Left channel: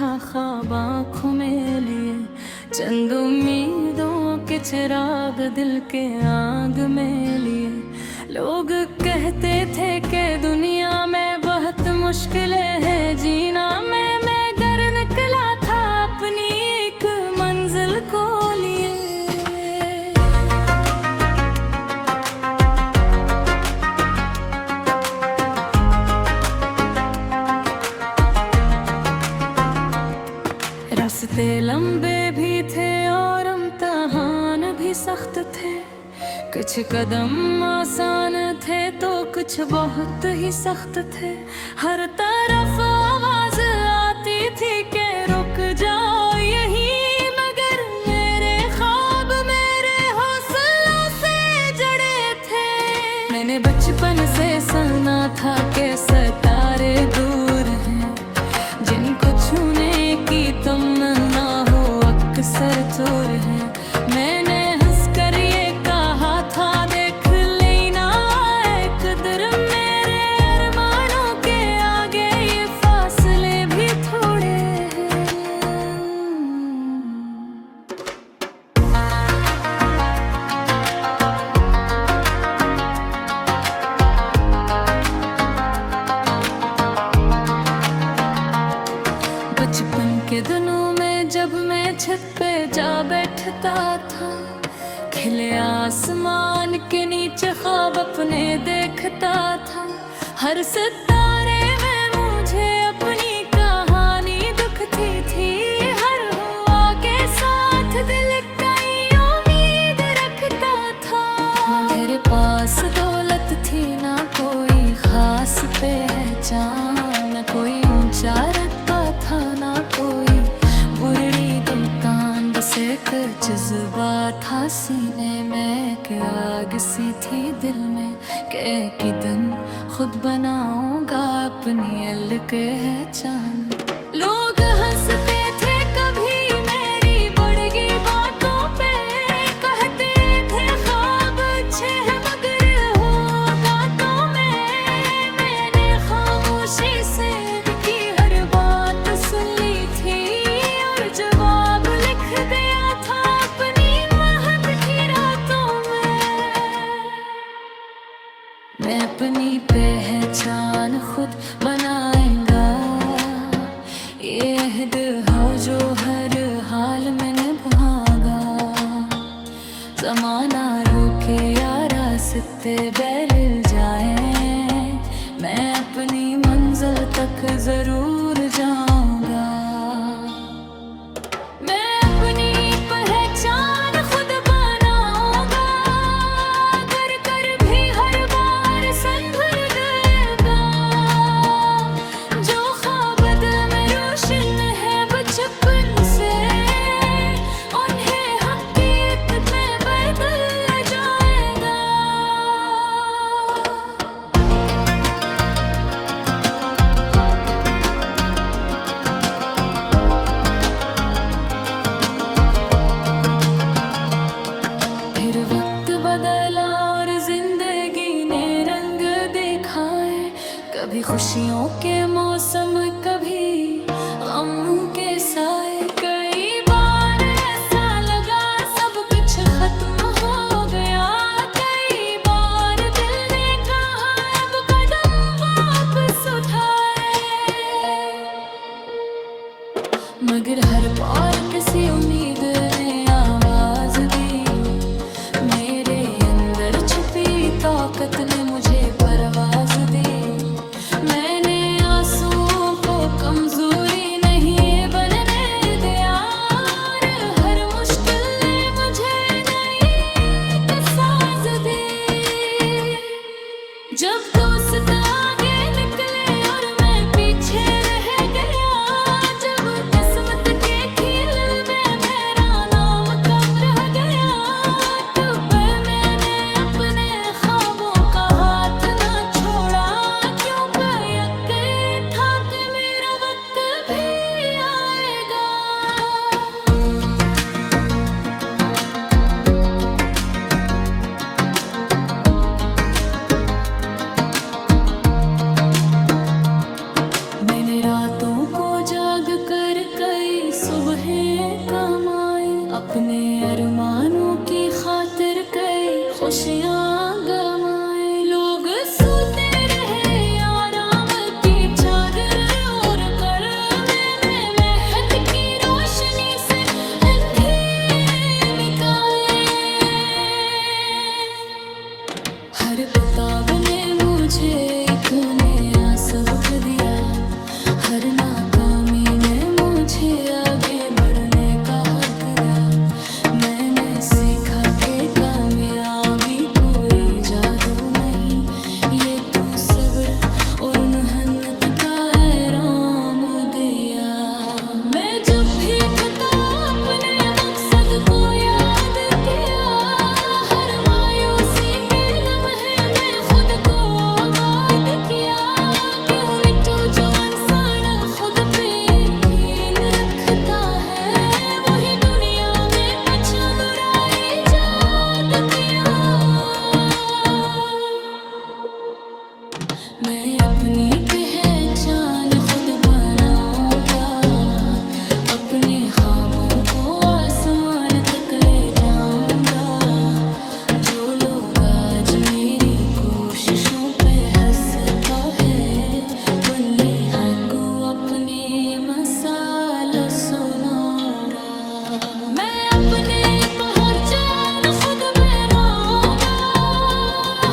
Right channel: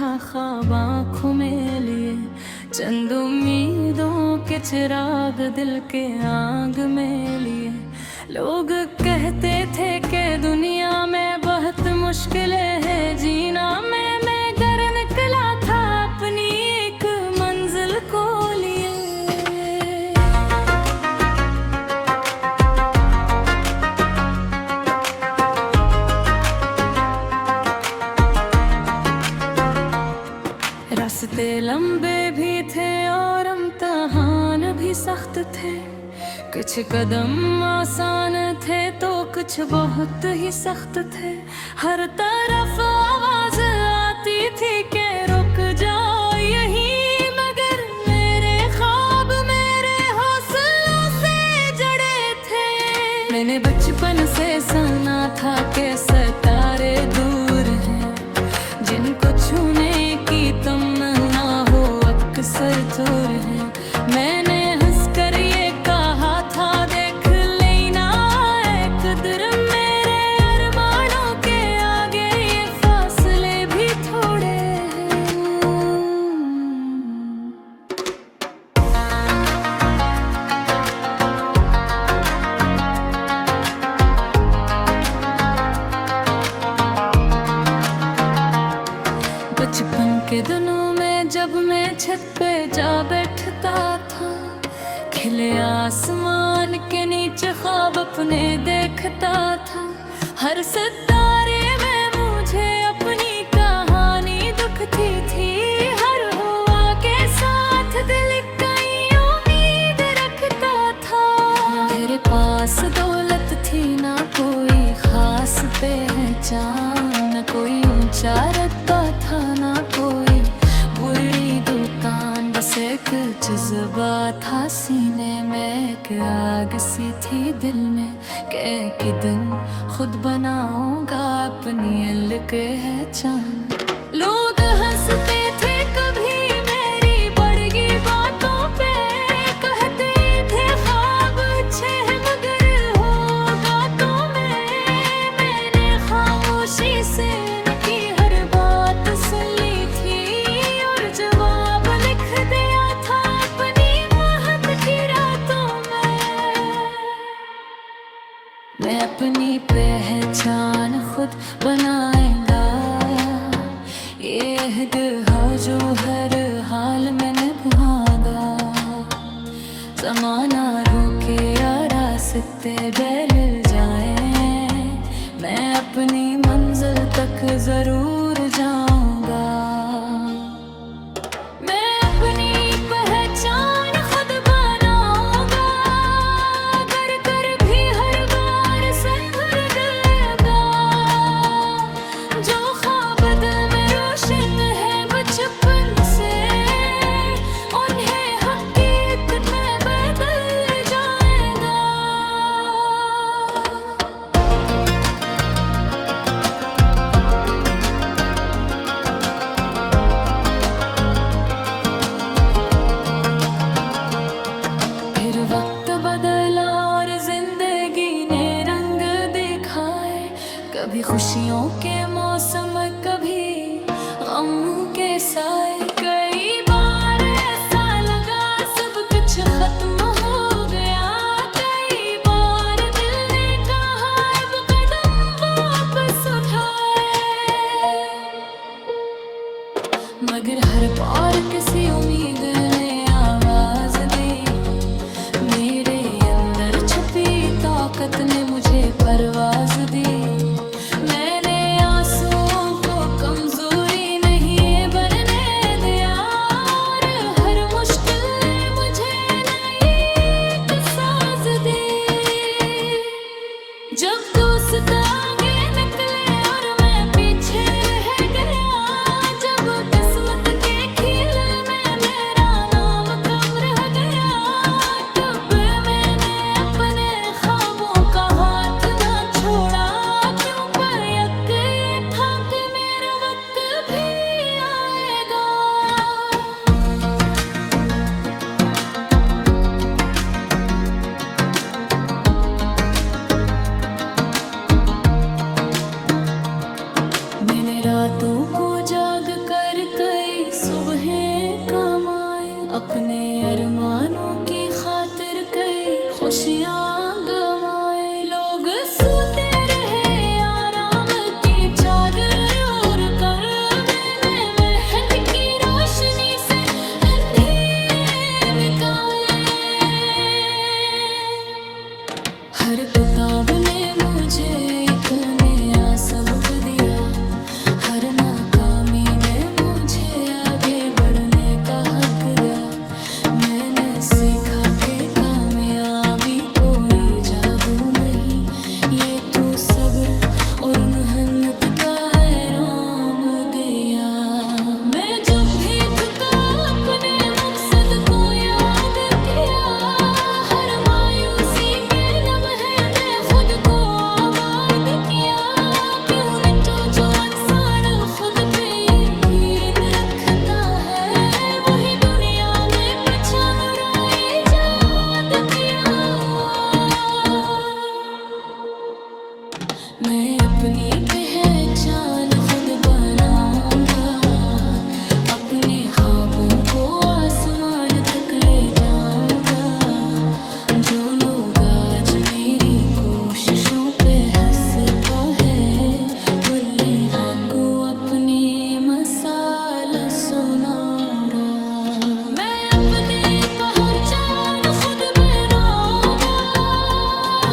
था ख्वाब आँखों में लिए, चंद उम्मीदों के चिराग दिल के आग में लिए। लोग कहते थे कि दुनिया में बहुत मुश्किलें हैं जीना, मैं घर निकला था अपनी एक मंजिल को लिए। रास्ते लंबे भी थे और इम्तिहान भी सख्त थे, कुछ कदम आसान थे तो कुछ बहुत ही सख्त थे। हर तरफ आवाज आती थी कि रुक जाओ यहीं, मगर मेरे ख्वाब मेरे हौसलों से जड़े थे। मैंने बचपन से सुना था कि सितारे दूर हैं, जिनको छूने की तमन्ना हो अक्सर दूर है। मैंने हंसकर ये कहा था देख लेना ऐ कदर, मेरे अरमानों के आगे ये फासले भी थोड़े हैं। बचपन के दिनों में जब मैं छत पे जा बैठता था, खिले आसमान के नीचे ख्वाब अपने देखता था। हर सितारे में मुझे अपनी कहानी दिखती थी, हर हुआ के साथ दिल कई उम्मीद रखता था। मेरे पास दौलत थी ना कोई खास पहचान, न कोई ऊंचा रखता था ना कोई बुरी दुकान, बस एक जज्बा था सीने में, एक आग सी थी दिल में कि एक दिन खुद बनाऊंगा अपनी अलग पहचान। लोग हंसते थे कभी मेरी बड़गी बातों पे, कहते थे ख्वाब अच्छे हैं मगर होगा तो मैंने खामोशी से उनकी हर बात सुन ली थी और जवाब लिख दिया था अपनी महक की रातों में। मैं अपनी पहचान खुद बनाएगा, ये अहद हो जो हर हाल में निभागा। ज़माना रुके या रास्ते बदल जाएं, मैं अपनी मंजिल तक जरूर जाऊंगा। मैं अपनी पहचान खुद बनाऊंगा, कर कर भी हर बार संभल गएगा। जो ख्वाब दिल में रोशन है बचपन से, उन्हें हकीकत में बदल जाएगा। फिर वक्त बदला और जिंदगी ने रंग दिखाए, कभी खुशियों के मौसम कभी गम के साए। कई बार ऐसा लगा सब कुछ खत्म हो गया, कई बार दिल ने कहा अब कदम वापस उठाए, मगर हर बार किसी उम्मीद ने आवाज दी। मेरे अंदर छुपी ताकत ने मुझे परवाज दी। मैंने आंसुओं को कमजोरी नहीं बनने दिया, और हर मुश्किल ने मुझे नई एक साज दी। जब दोस्त आगे निकले और मैं पीछे रह गया, जब किस्मत के खेल में मेरा नाम कम रह गया, तब मैंने अपने ख्वाबों का हाथ ना छोड़ा। क्यों था कि मेरा वक्त भी सुबहें कमाए, अपने अरमानों की खातिर कई खुशियाँ गवाए। लोग सोते रहे आराम की चादर ओढ़ कर, मैं मेहनत की रोशनी से अंधेरे मिटाए। हर किताब ने मुझे एक नया सबक दिया, हर नाकामी ने मुझे आगे बढ़ने का हक दिया। मैंने सीखा कि कामयाबी कोई जादू नहीं, ये तो सब्र और मेहनत का है राम दिया। मैं जब भी थका अपने मकसद को याद किया, हर मायूसी के लम्हे में खुद को आबाद किया। क्यों न जो इंसान खुद पे यकीन रखता है, वही दुनिया में पहचान और इजाद किया। मैं अपनी पहचान खुद बनाऊंगा, अपने ख्वाबों को आसमान तक ले जाऊंगा। जो लोग आज मेरी कोशिशों पे हंसता है, बोलने को अपने मसाला सुनारा। मैं अपने पहचान खुद बनाऊंगा,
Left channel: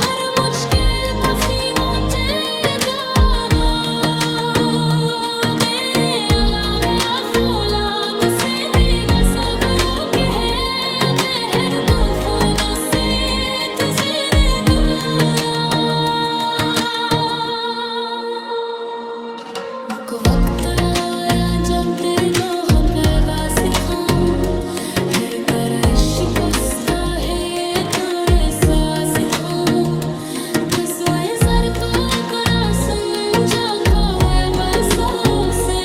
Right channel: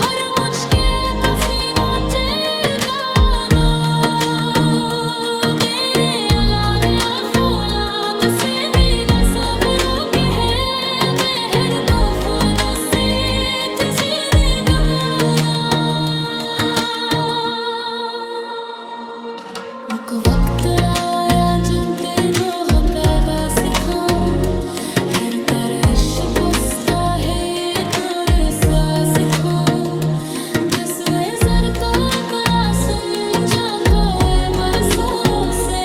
हर मुझके पसीनों तेरे दागा। मेरे अलावा फौलाद से भी सब्रों के हैं, बहर तूफानों से तस्वीरें गवारा। एक वक्त आया जब दिल को पैदा सिखाऊं, कर कर शिकस्ता है तोरे सांस खाऊं। दसवें सर तो करा समझा कोई बरसों से,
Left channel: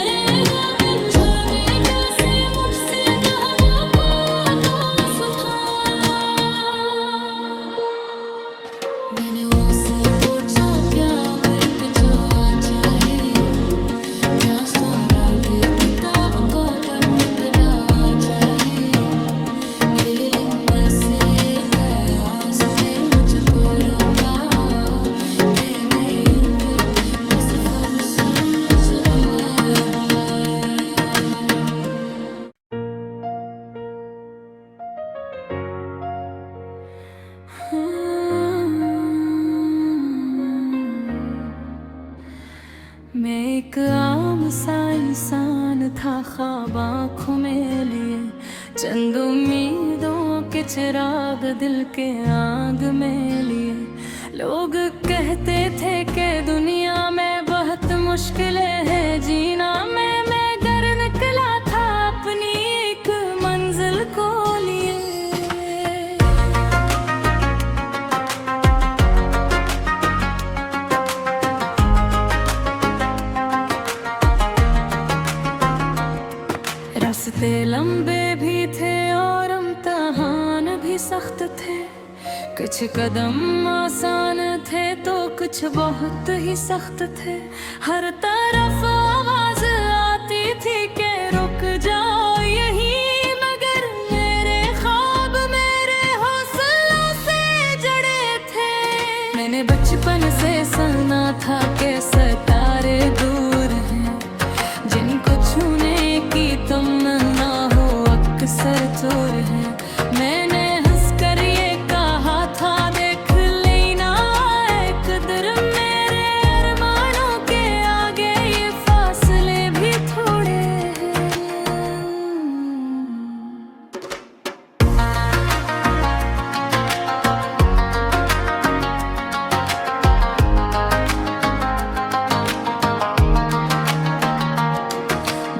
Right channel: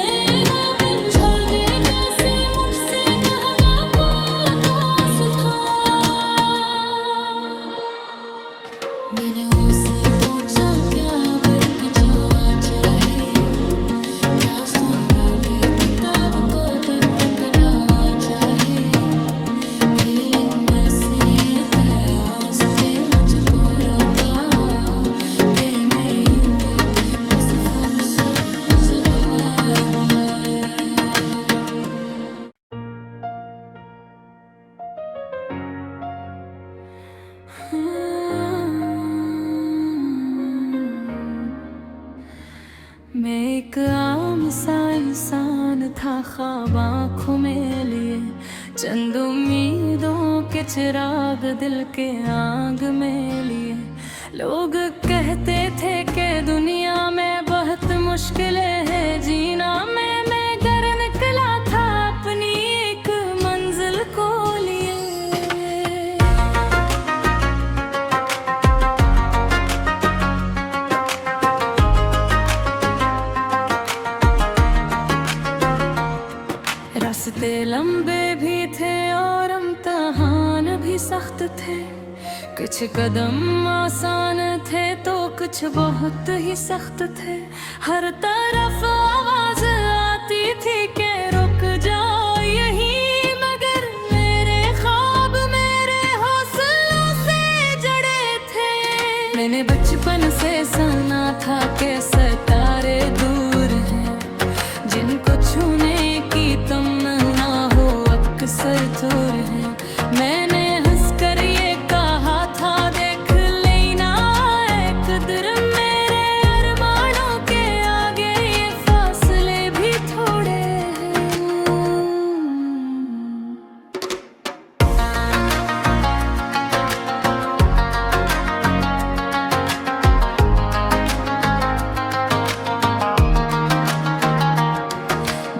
गाबिन झड़ दे कैसे मुझसे नहका पापोस था। मैंने उसे पूछा क्या बर्क जो आ चाहे, क्या सोरा के किताब को बन कदा चाहे। फीलिंग से कयास पे मुझको रोका, तेने तो सफर सूझ गया। मैं एक आम सा इंसान था, ख्वाब आँखों में लिए चंद उम्मीदों के चिराग दिल के आग में लिए। लोग कहते थे कि दुनिया में बहुत मुश्किलें हैं जीना, मैं घर निकला था अपनी एक मंजिल को लिए। रास्ते लंबे भी थे और इम्तिहान भी सख्त थे, कुछ कदम आसान थे तो कुछ बहुत ही सख्त थे। हर तरफ आवाज आती थी कि रुक जाओ यहीं, मगर मेरे ख्वाब मेरे हौसलों से जड़े थे। मैंने बचपन से सुना था कि सितारे दूर हैं, जिनको छूने की तमन्ना हो अक्सर दूर है। मैंने हंसकर ये कहा था देख लेना एक कदर, मेरे अरमानों के आगे ये फासले भी थोड़े हैं।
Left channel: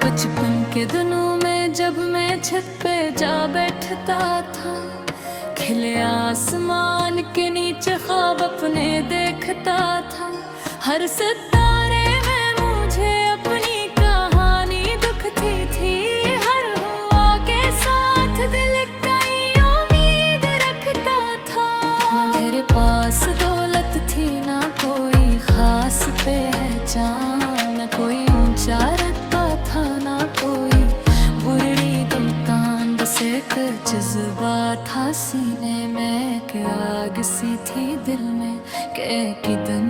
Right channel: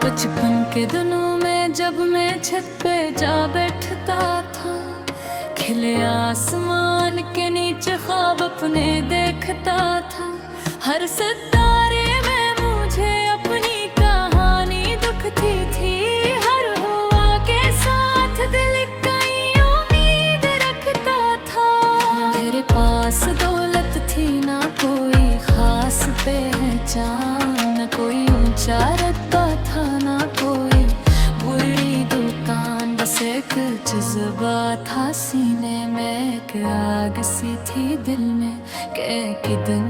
बचपन के दिनों में जब मैं छत पे जा बैठता था, खिले आसमान के नीचे ख्वाब अपने देखता था। हर सितारे में मुझे अपनी कहानी दुखती थी, हर हुआ के साथ दिल कई उम्मीद रखता था। मेरे पास दौलत थी ना कोई खास पहचान, न कोई ऊंचा रखता था ना कोई पूरी दुकान बस एक जज्बा था सीने में, एक आग सी थी दिल में कि एक दिन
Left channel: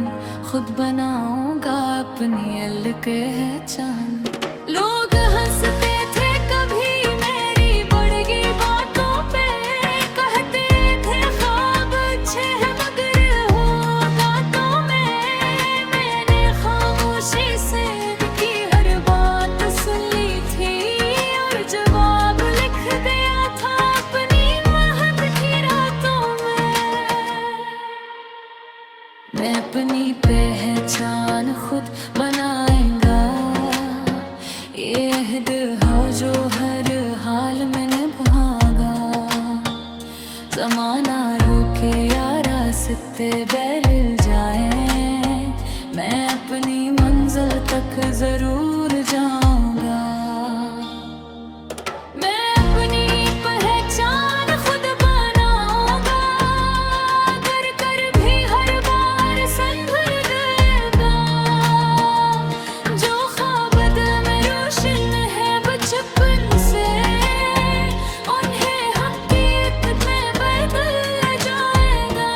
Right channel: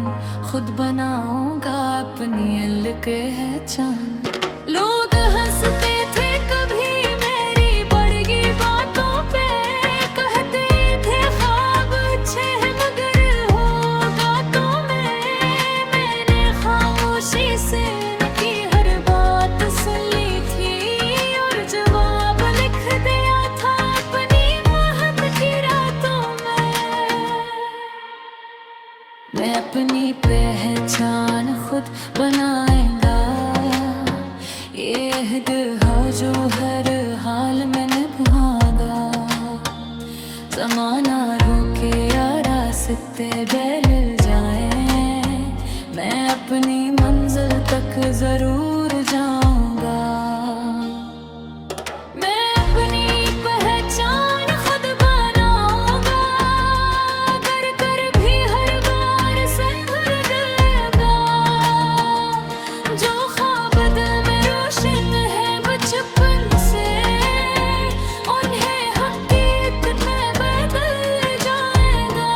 खुद बनाऊंगा अपनी अलग है चांद। लोग हंसते थे कभी मेरी बड़गी बातों पे, कहते थे ख्वाब अच्छे हैं मगर होगा तो मैंने खामोशी से इनकी हर बात सुन ली थी और जवाब लिख दिया था अपनी महक की रातों में। मैं अपनी पहचान खुद बनाएगा, ये अहद है जो हर हाल में निभागा। ज़माना रुके या रास्ते बदल जाएं, मैं अपनी मंजिल तक ज़रूर जाऊंगा। मैं अपनी पहचान खुद बनाऊंगा, कर कर भी हर बार संभल गएगा। जो ख्वाब दिल में रोशन है बचपन से, उन्हें हकीकत में बदल जाएगा।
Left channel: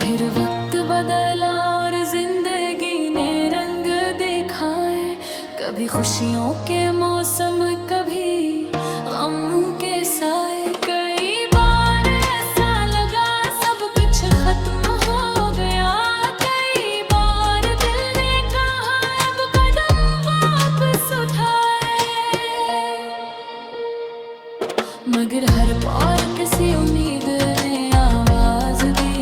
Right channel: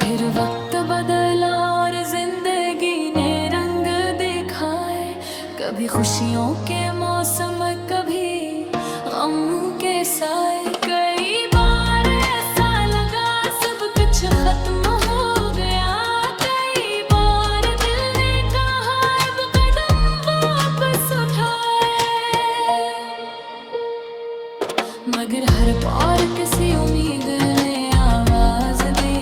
फिर वक्त बदला और जिंदगी ने रंग दिखाए, कभी खुशियों के मौसम कभी गम के साए। कई बार ऐसा लगा सब कुछ खत्म हो गया, कई बार दिल ने कहा अब कदम वापस उठाए, मगर हर बार किसी उम्मीद ने आवाज दी।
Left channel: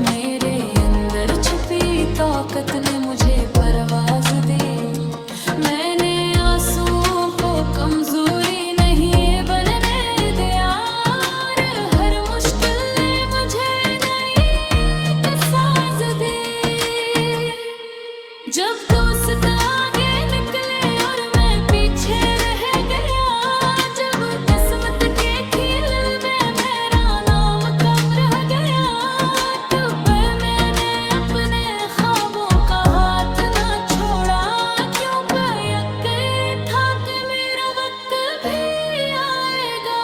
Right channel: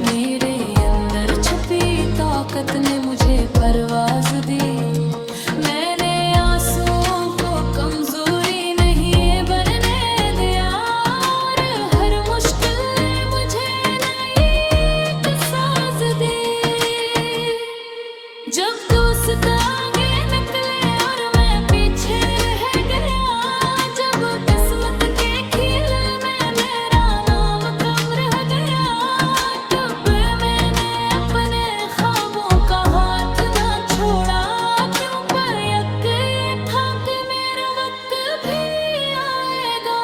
मेरे अंदर छुपी ताकत ने मुझे परवाज दी। मैंने आंसुओं को कमजोरी नहीं बनने दिया और हर मुश्किल ने मुझे नई एक साज दी। जब दोस्त आगे निकले और मैं पीछे रह गया, जब किस्मत के खेल में मेरा नाम कम रह गया, तब मैंने अपने ख्वाबों का हाथ ना छोड़ा। क्यों यकीन था कि मेरा वक्त भी आएगा।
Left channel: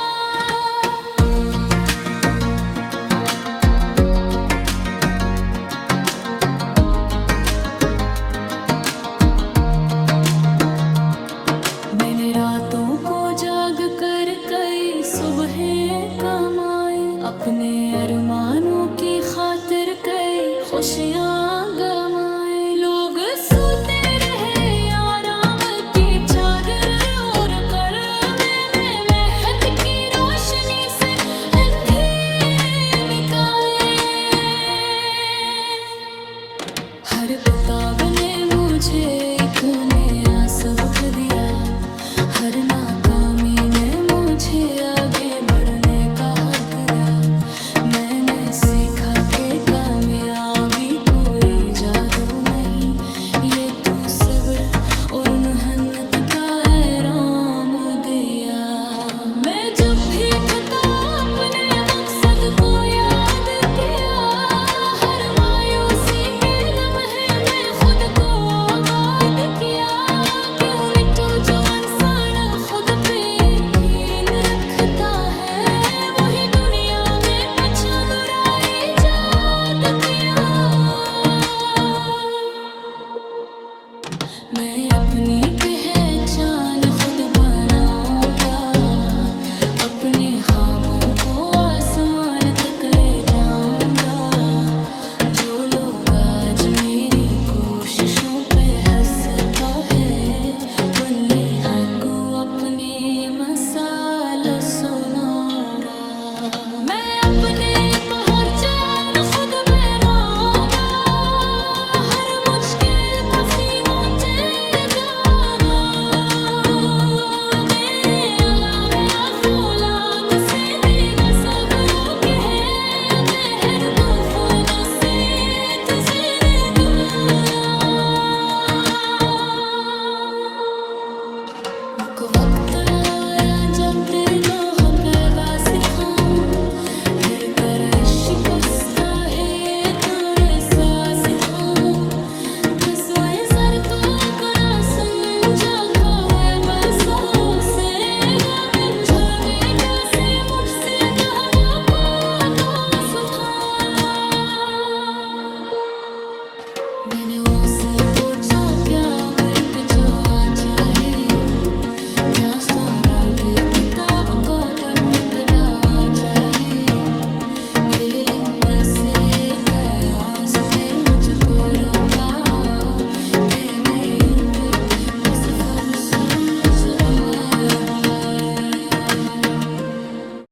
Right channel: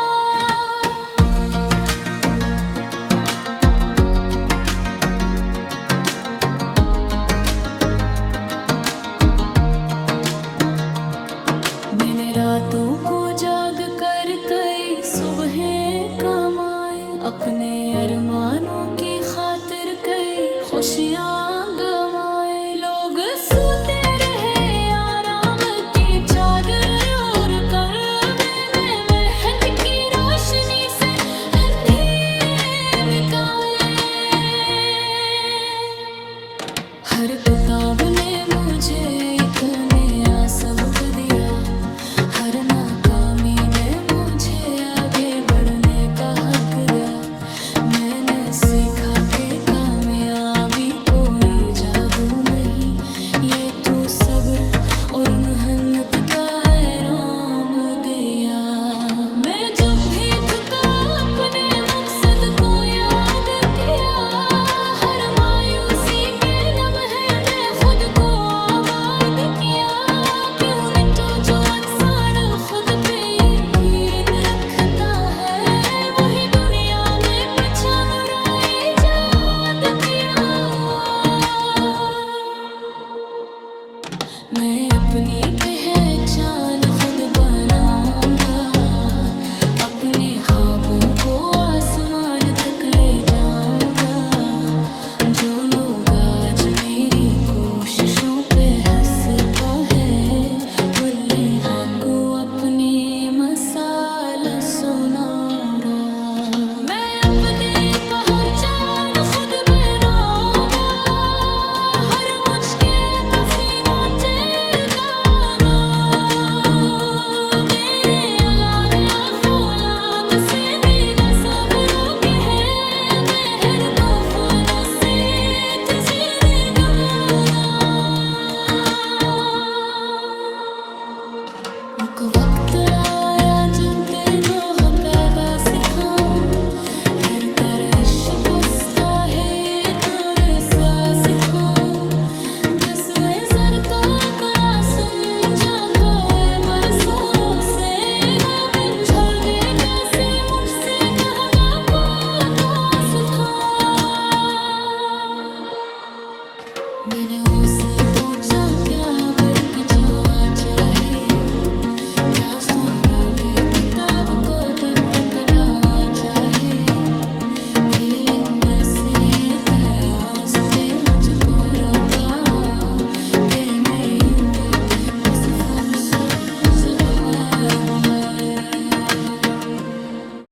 मैंने रातों को जाग कर कई सुबहें कमाई, अपने अरमानों की खातिर कई खुशियाँ गंवाई। लोग सोते रहे आराम की चादर ओढ़ कर, मैंने मेहनत की रोशनी से अंधेरे मिटाए। हर किताब ने मुझे एक नया सबक दिया, हर नाकामी ने मुझे आगे बढ़ने का हक दिया। मैंने सीखा कि कामयाबी कोई जादू नहीं, ये तो सब्र और मेहनत का है राम दिया। मैं जब भी थका अपने मकसद को याद किया, हर मायूसी के लम्हे में खुद को आबाद किया। क्यों नहीं तो जो इंसान खुद पे यकीन रखता है, वही दुनिया में पहचान और इजाद किया। मैं अपनी पहचान खुद बनाऊंगा, अपने ख्वाबों को आसमान तक ले जाऊंगा। जो लोग आज मेरी कोशिशों पे हंसता है, बोलने हाँ को अपने मसाला सुनारा। मैं अपने पहचान खुद बनाऊंगा, हर मुश्किल तफसीमों तेरे कागा। तेरे अलावा फौलाद से दीदा सबरों के हैं, बहर तूफानों से तज़ीरे गवारा। एक वक्त आया जब दिल को पैदा सिखाऊं कर कर इश्क उसका है तोरे सांस खाऊं दसवें सर तो करा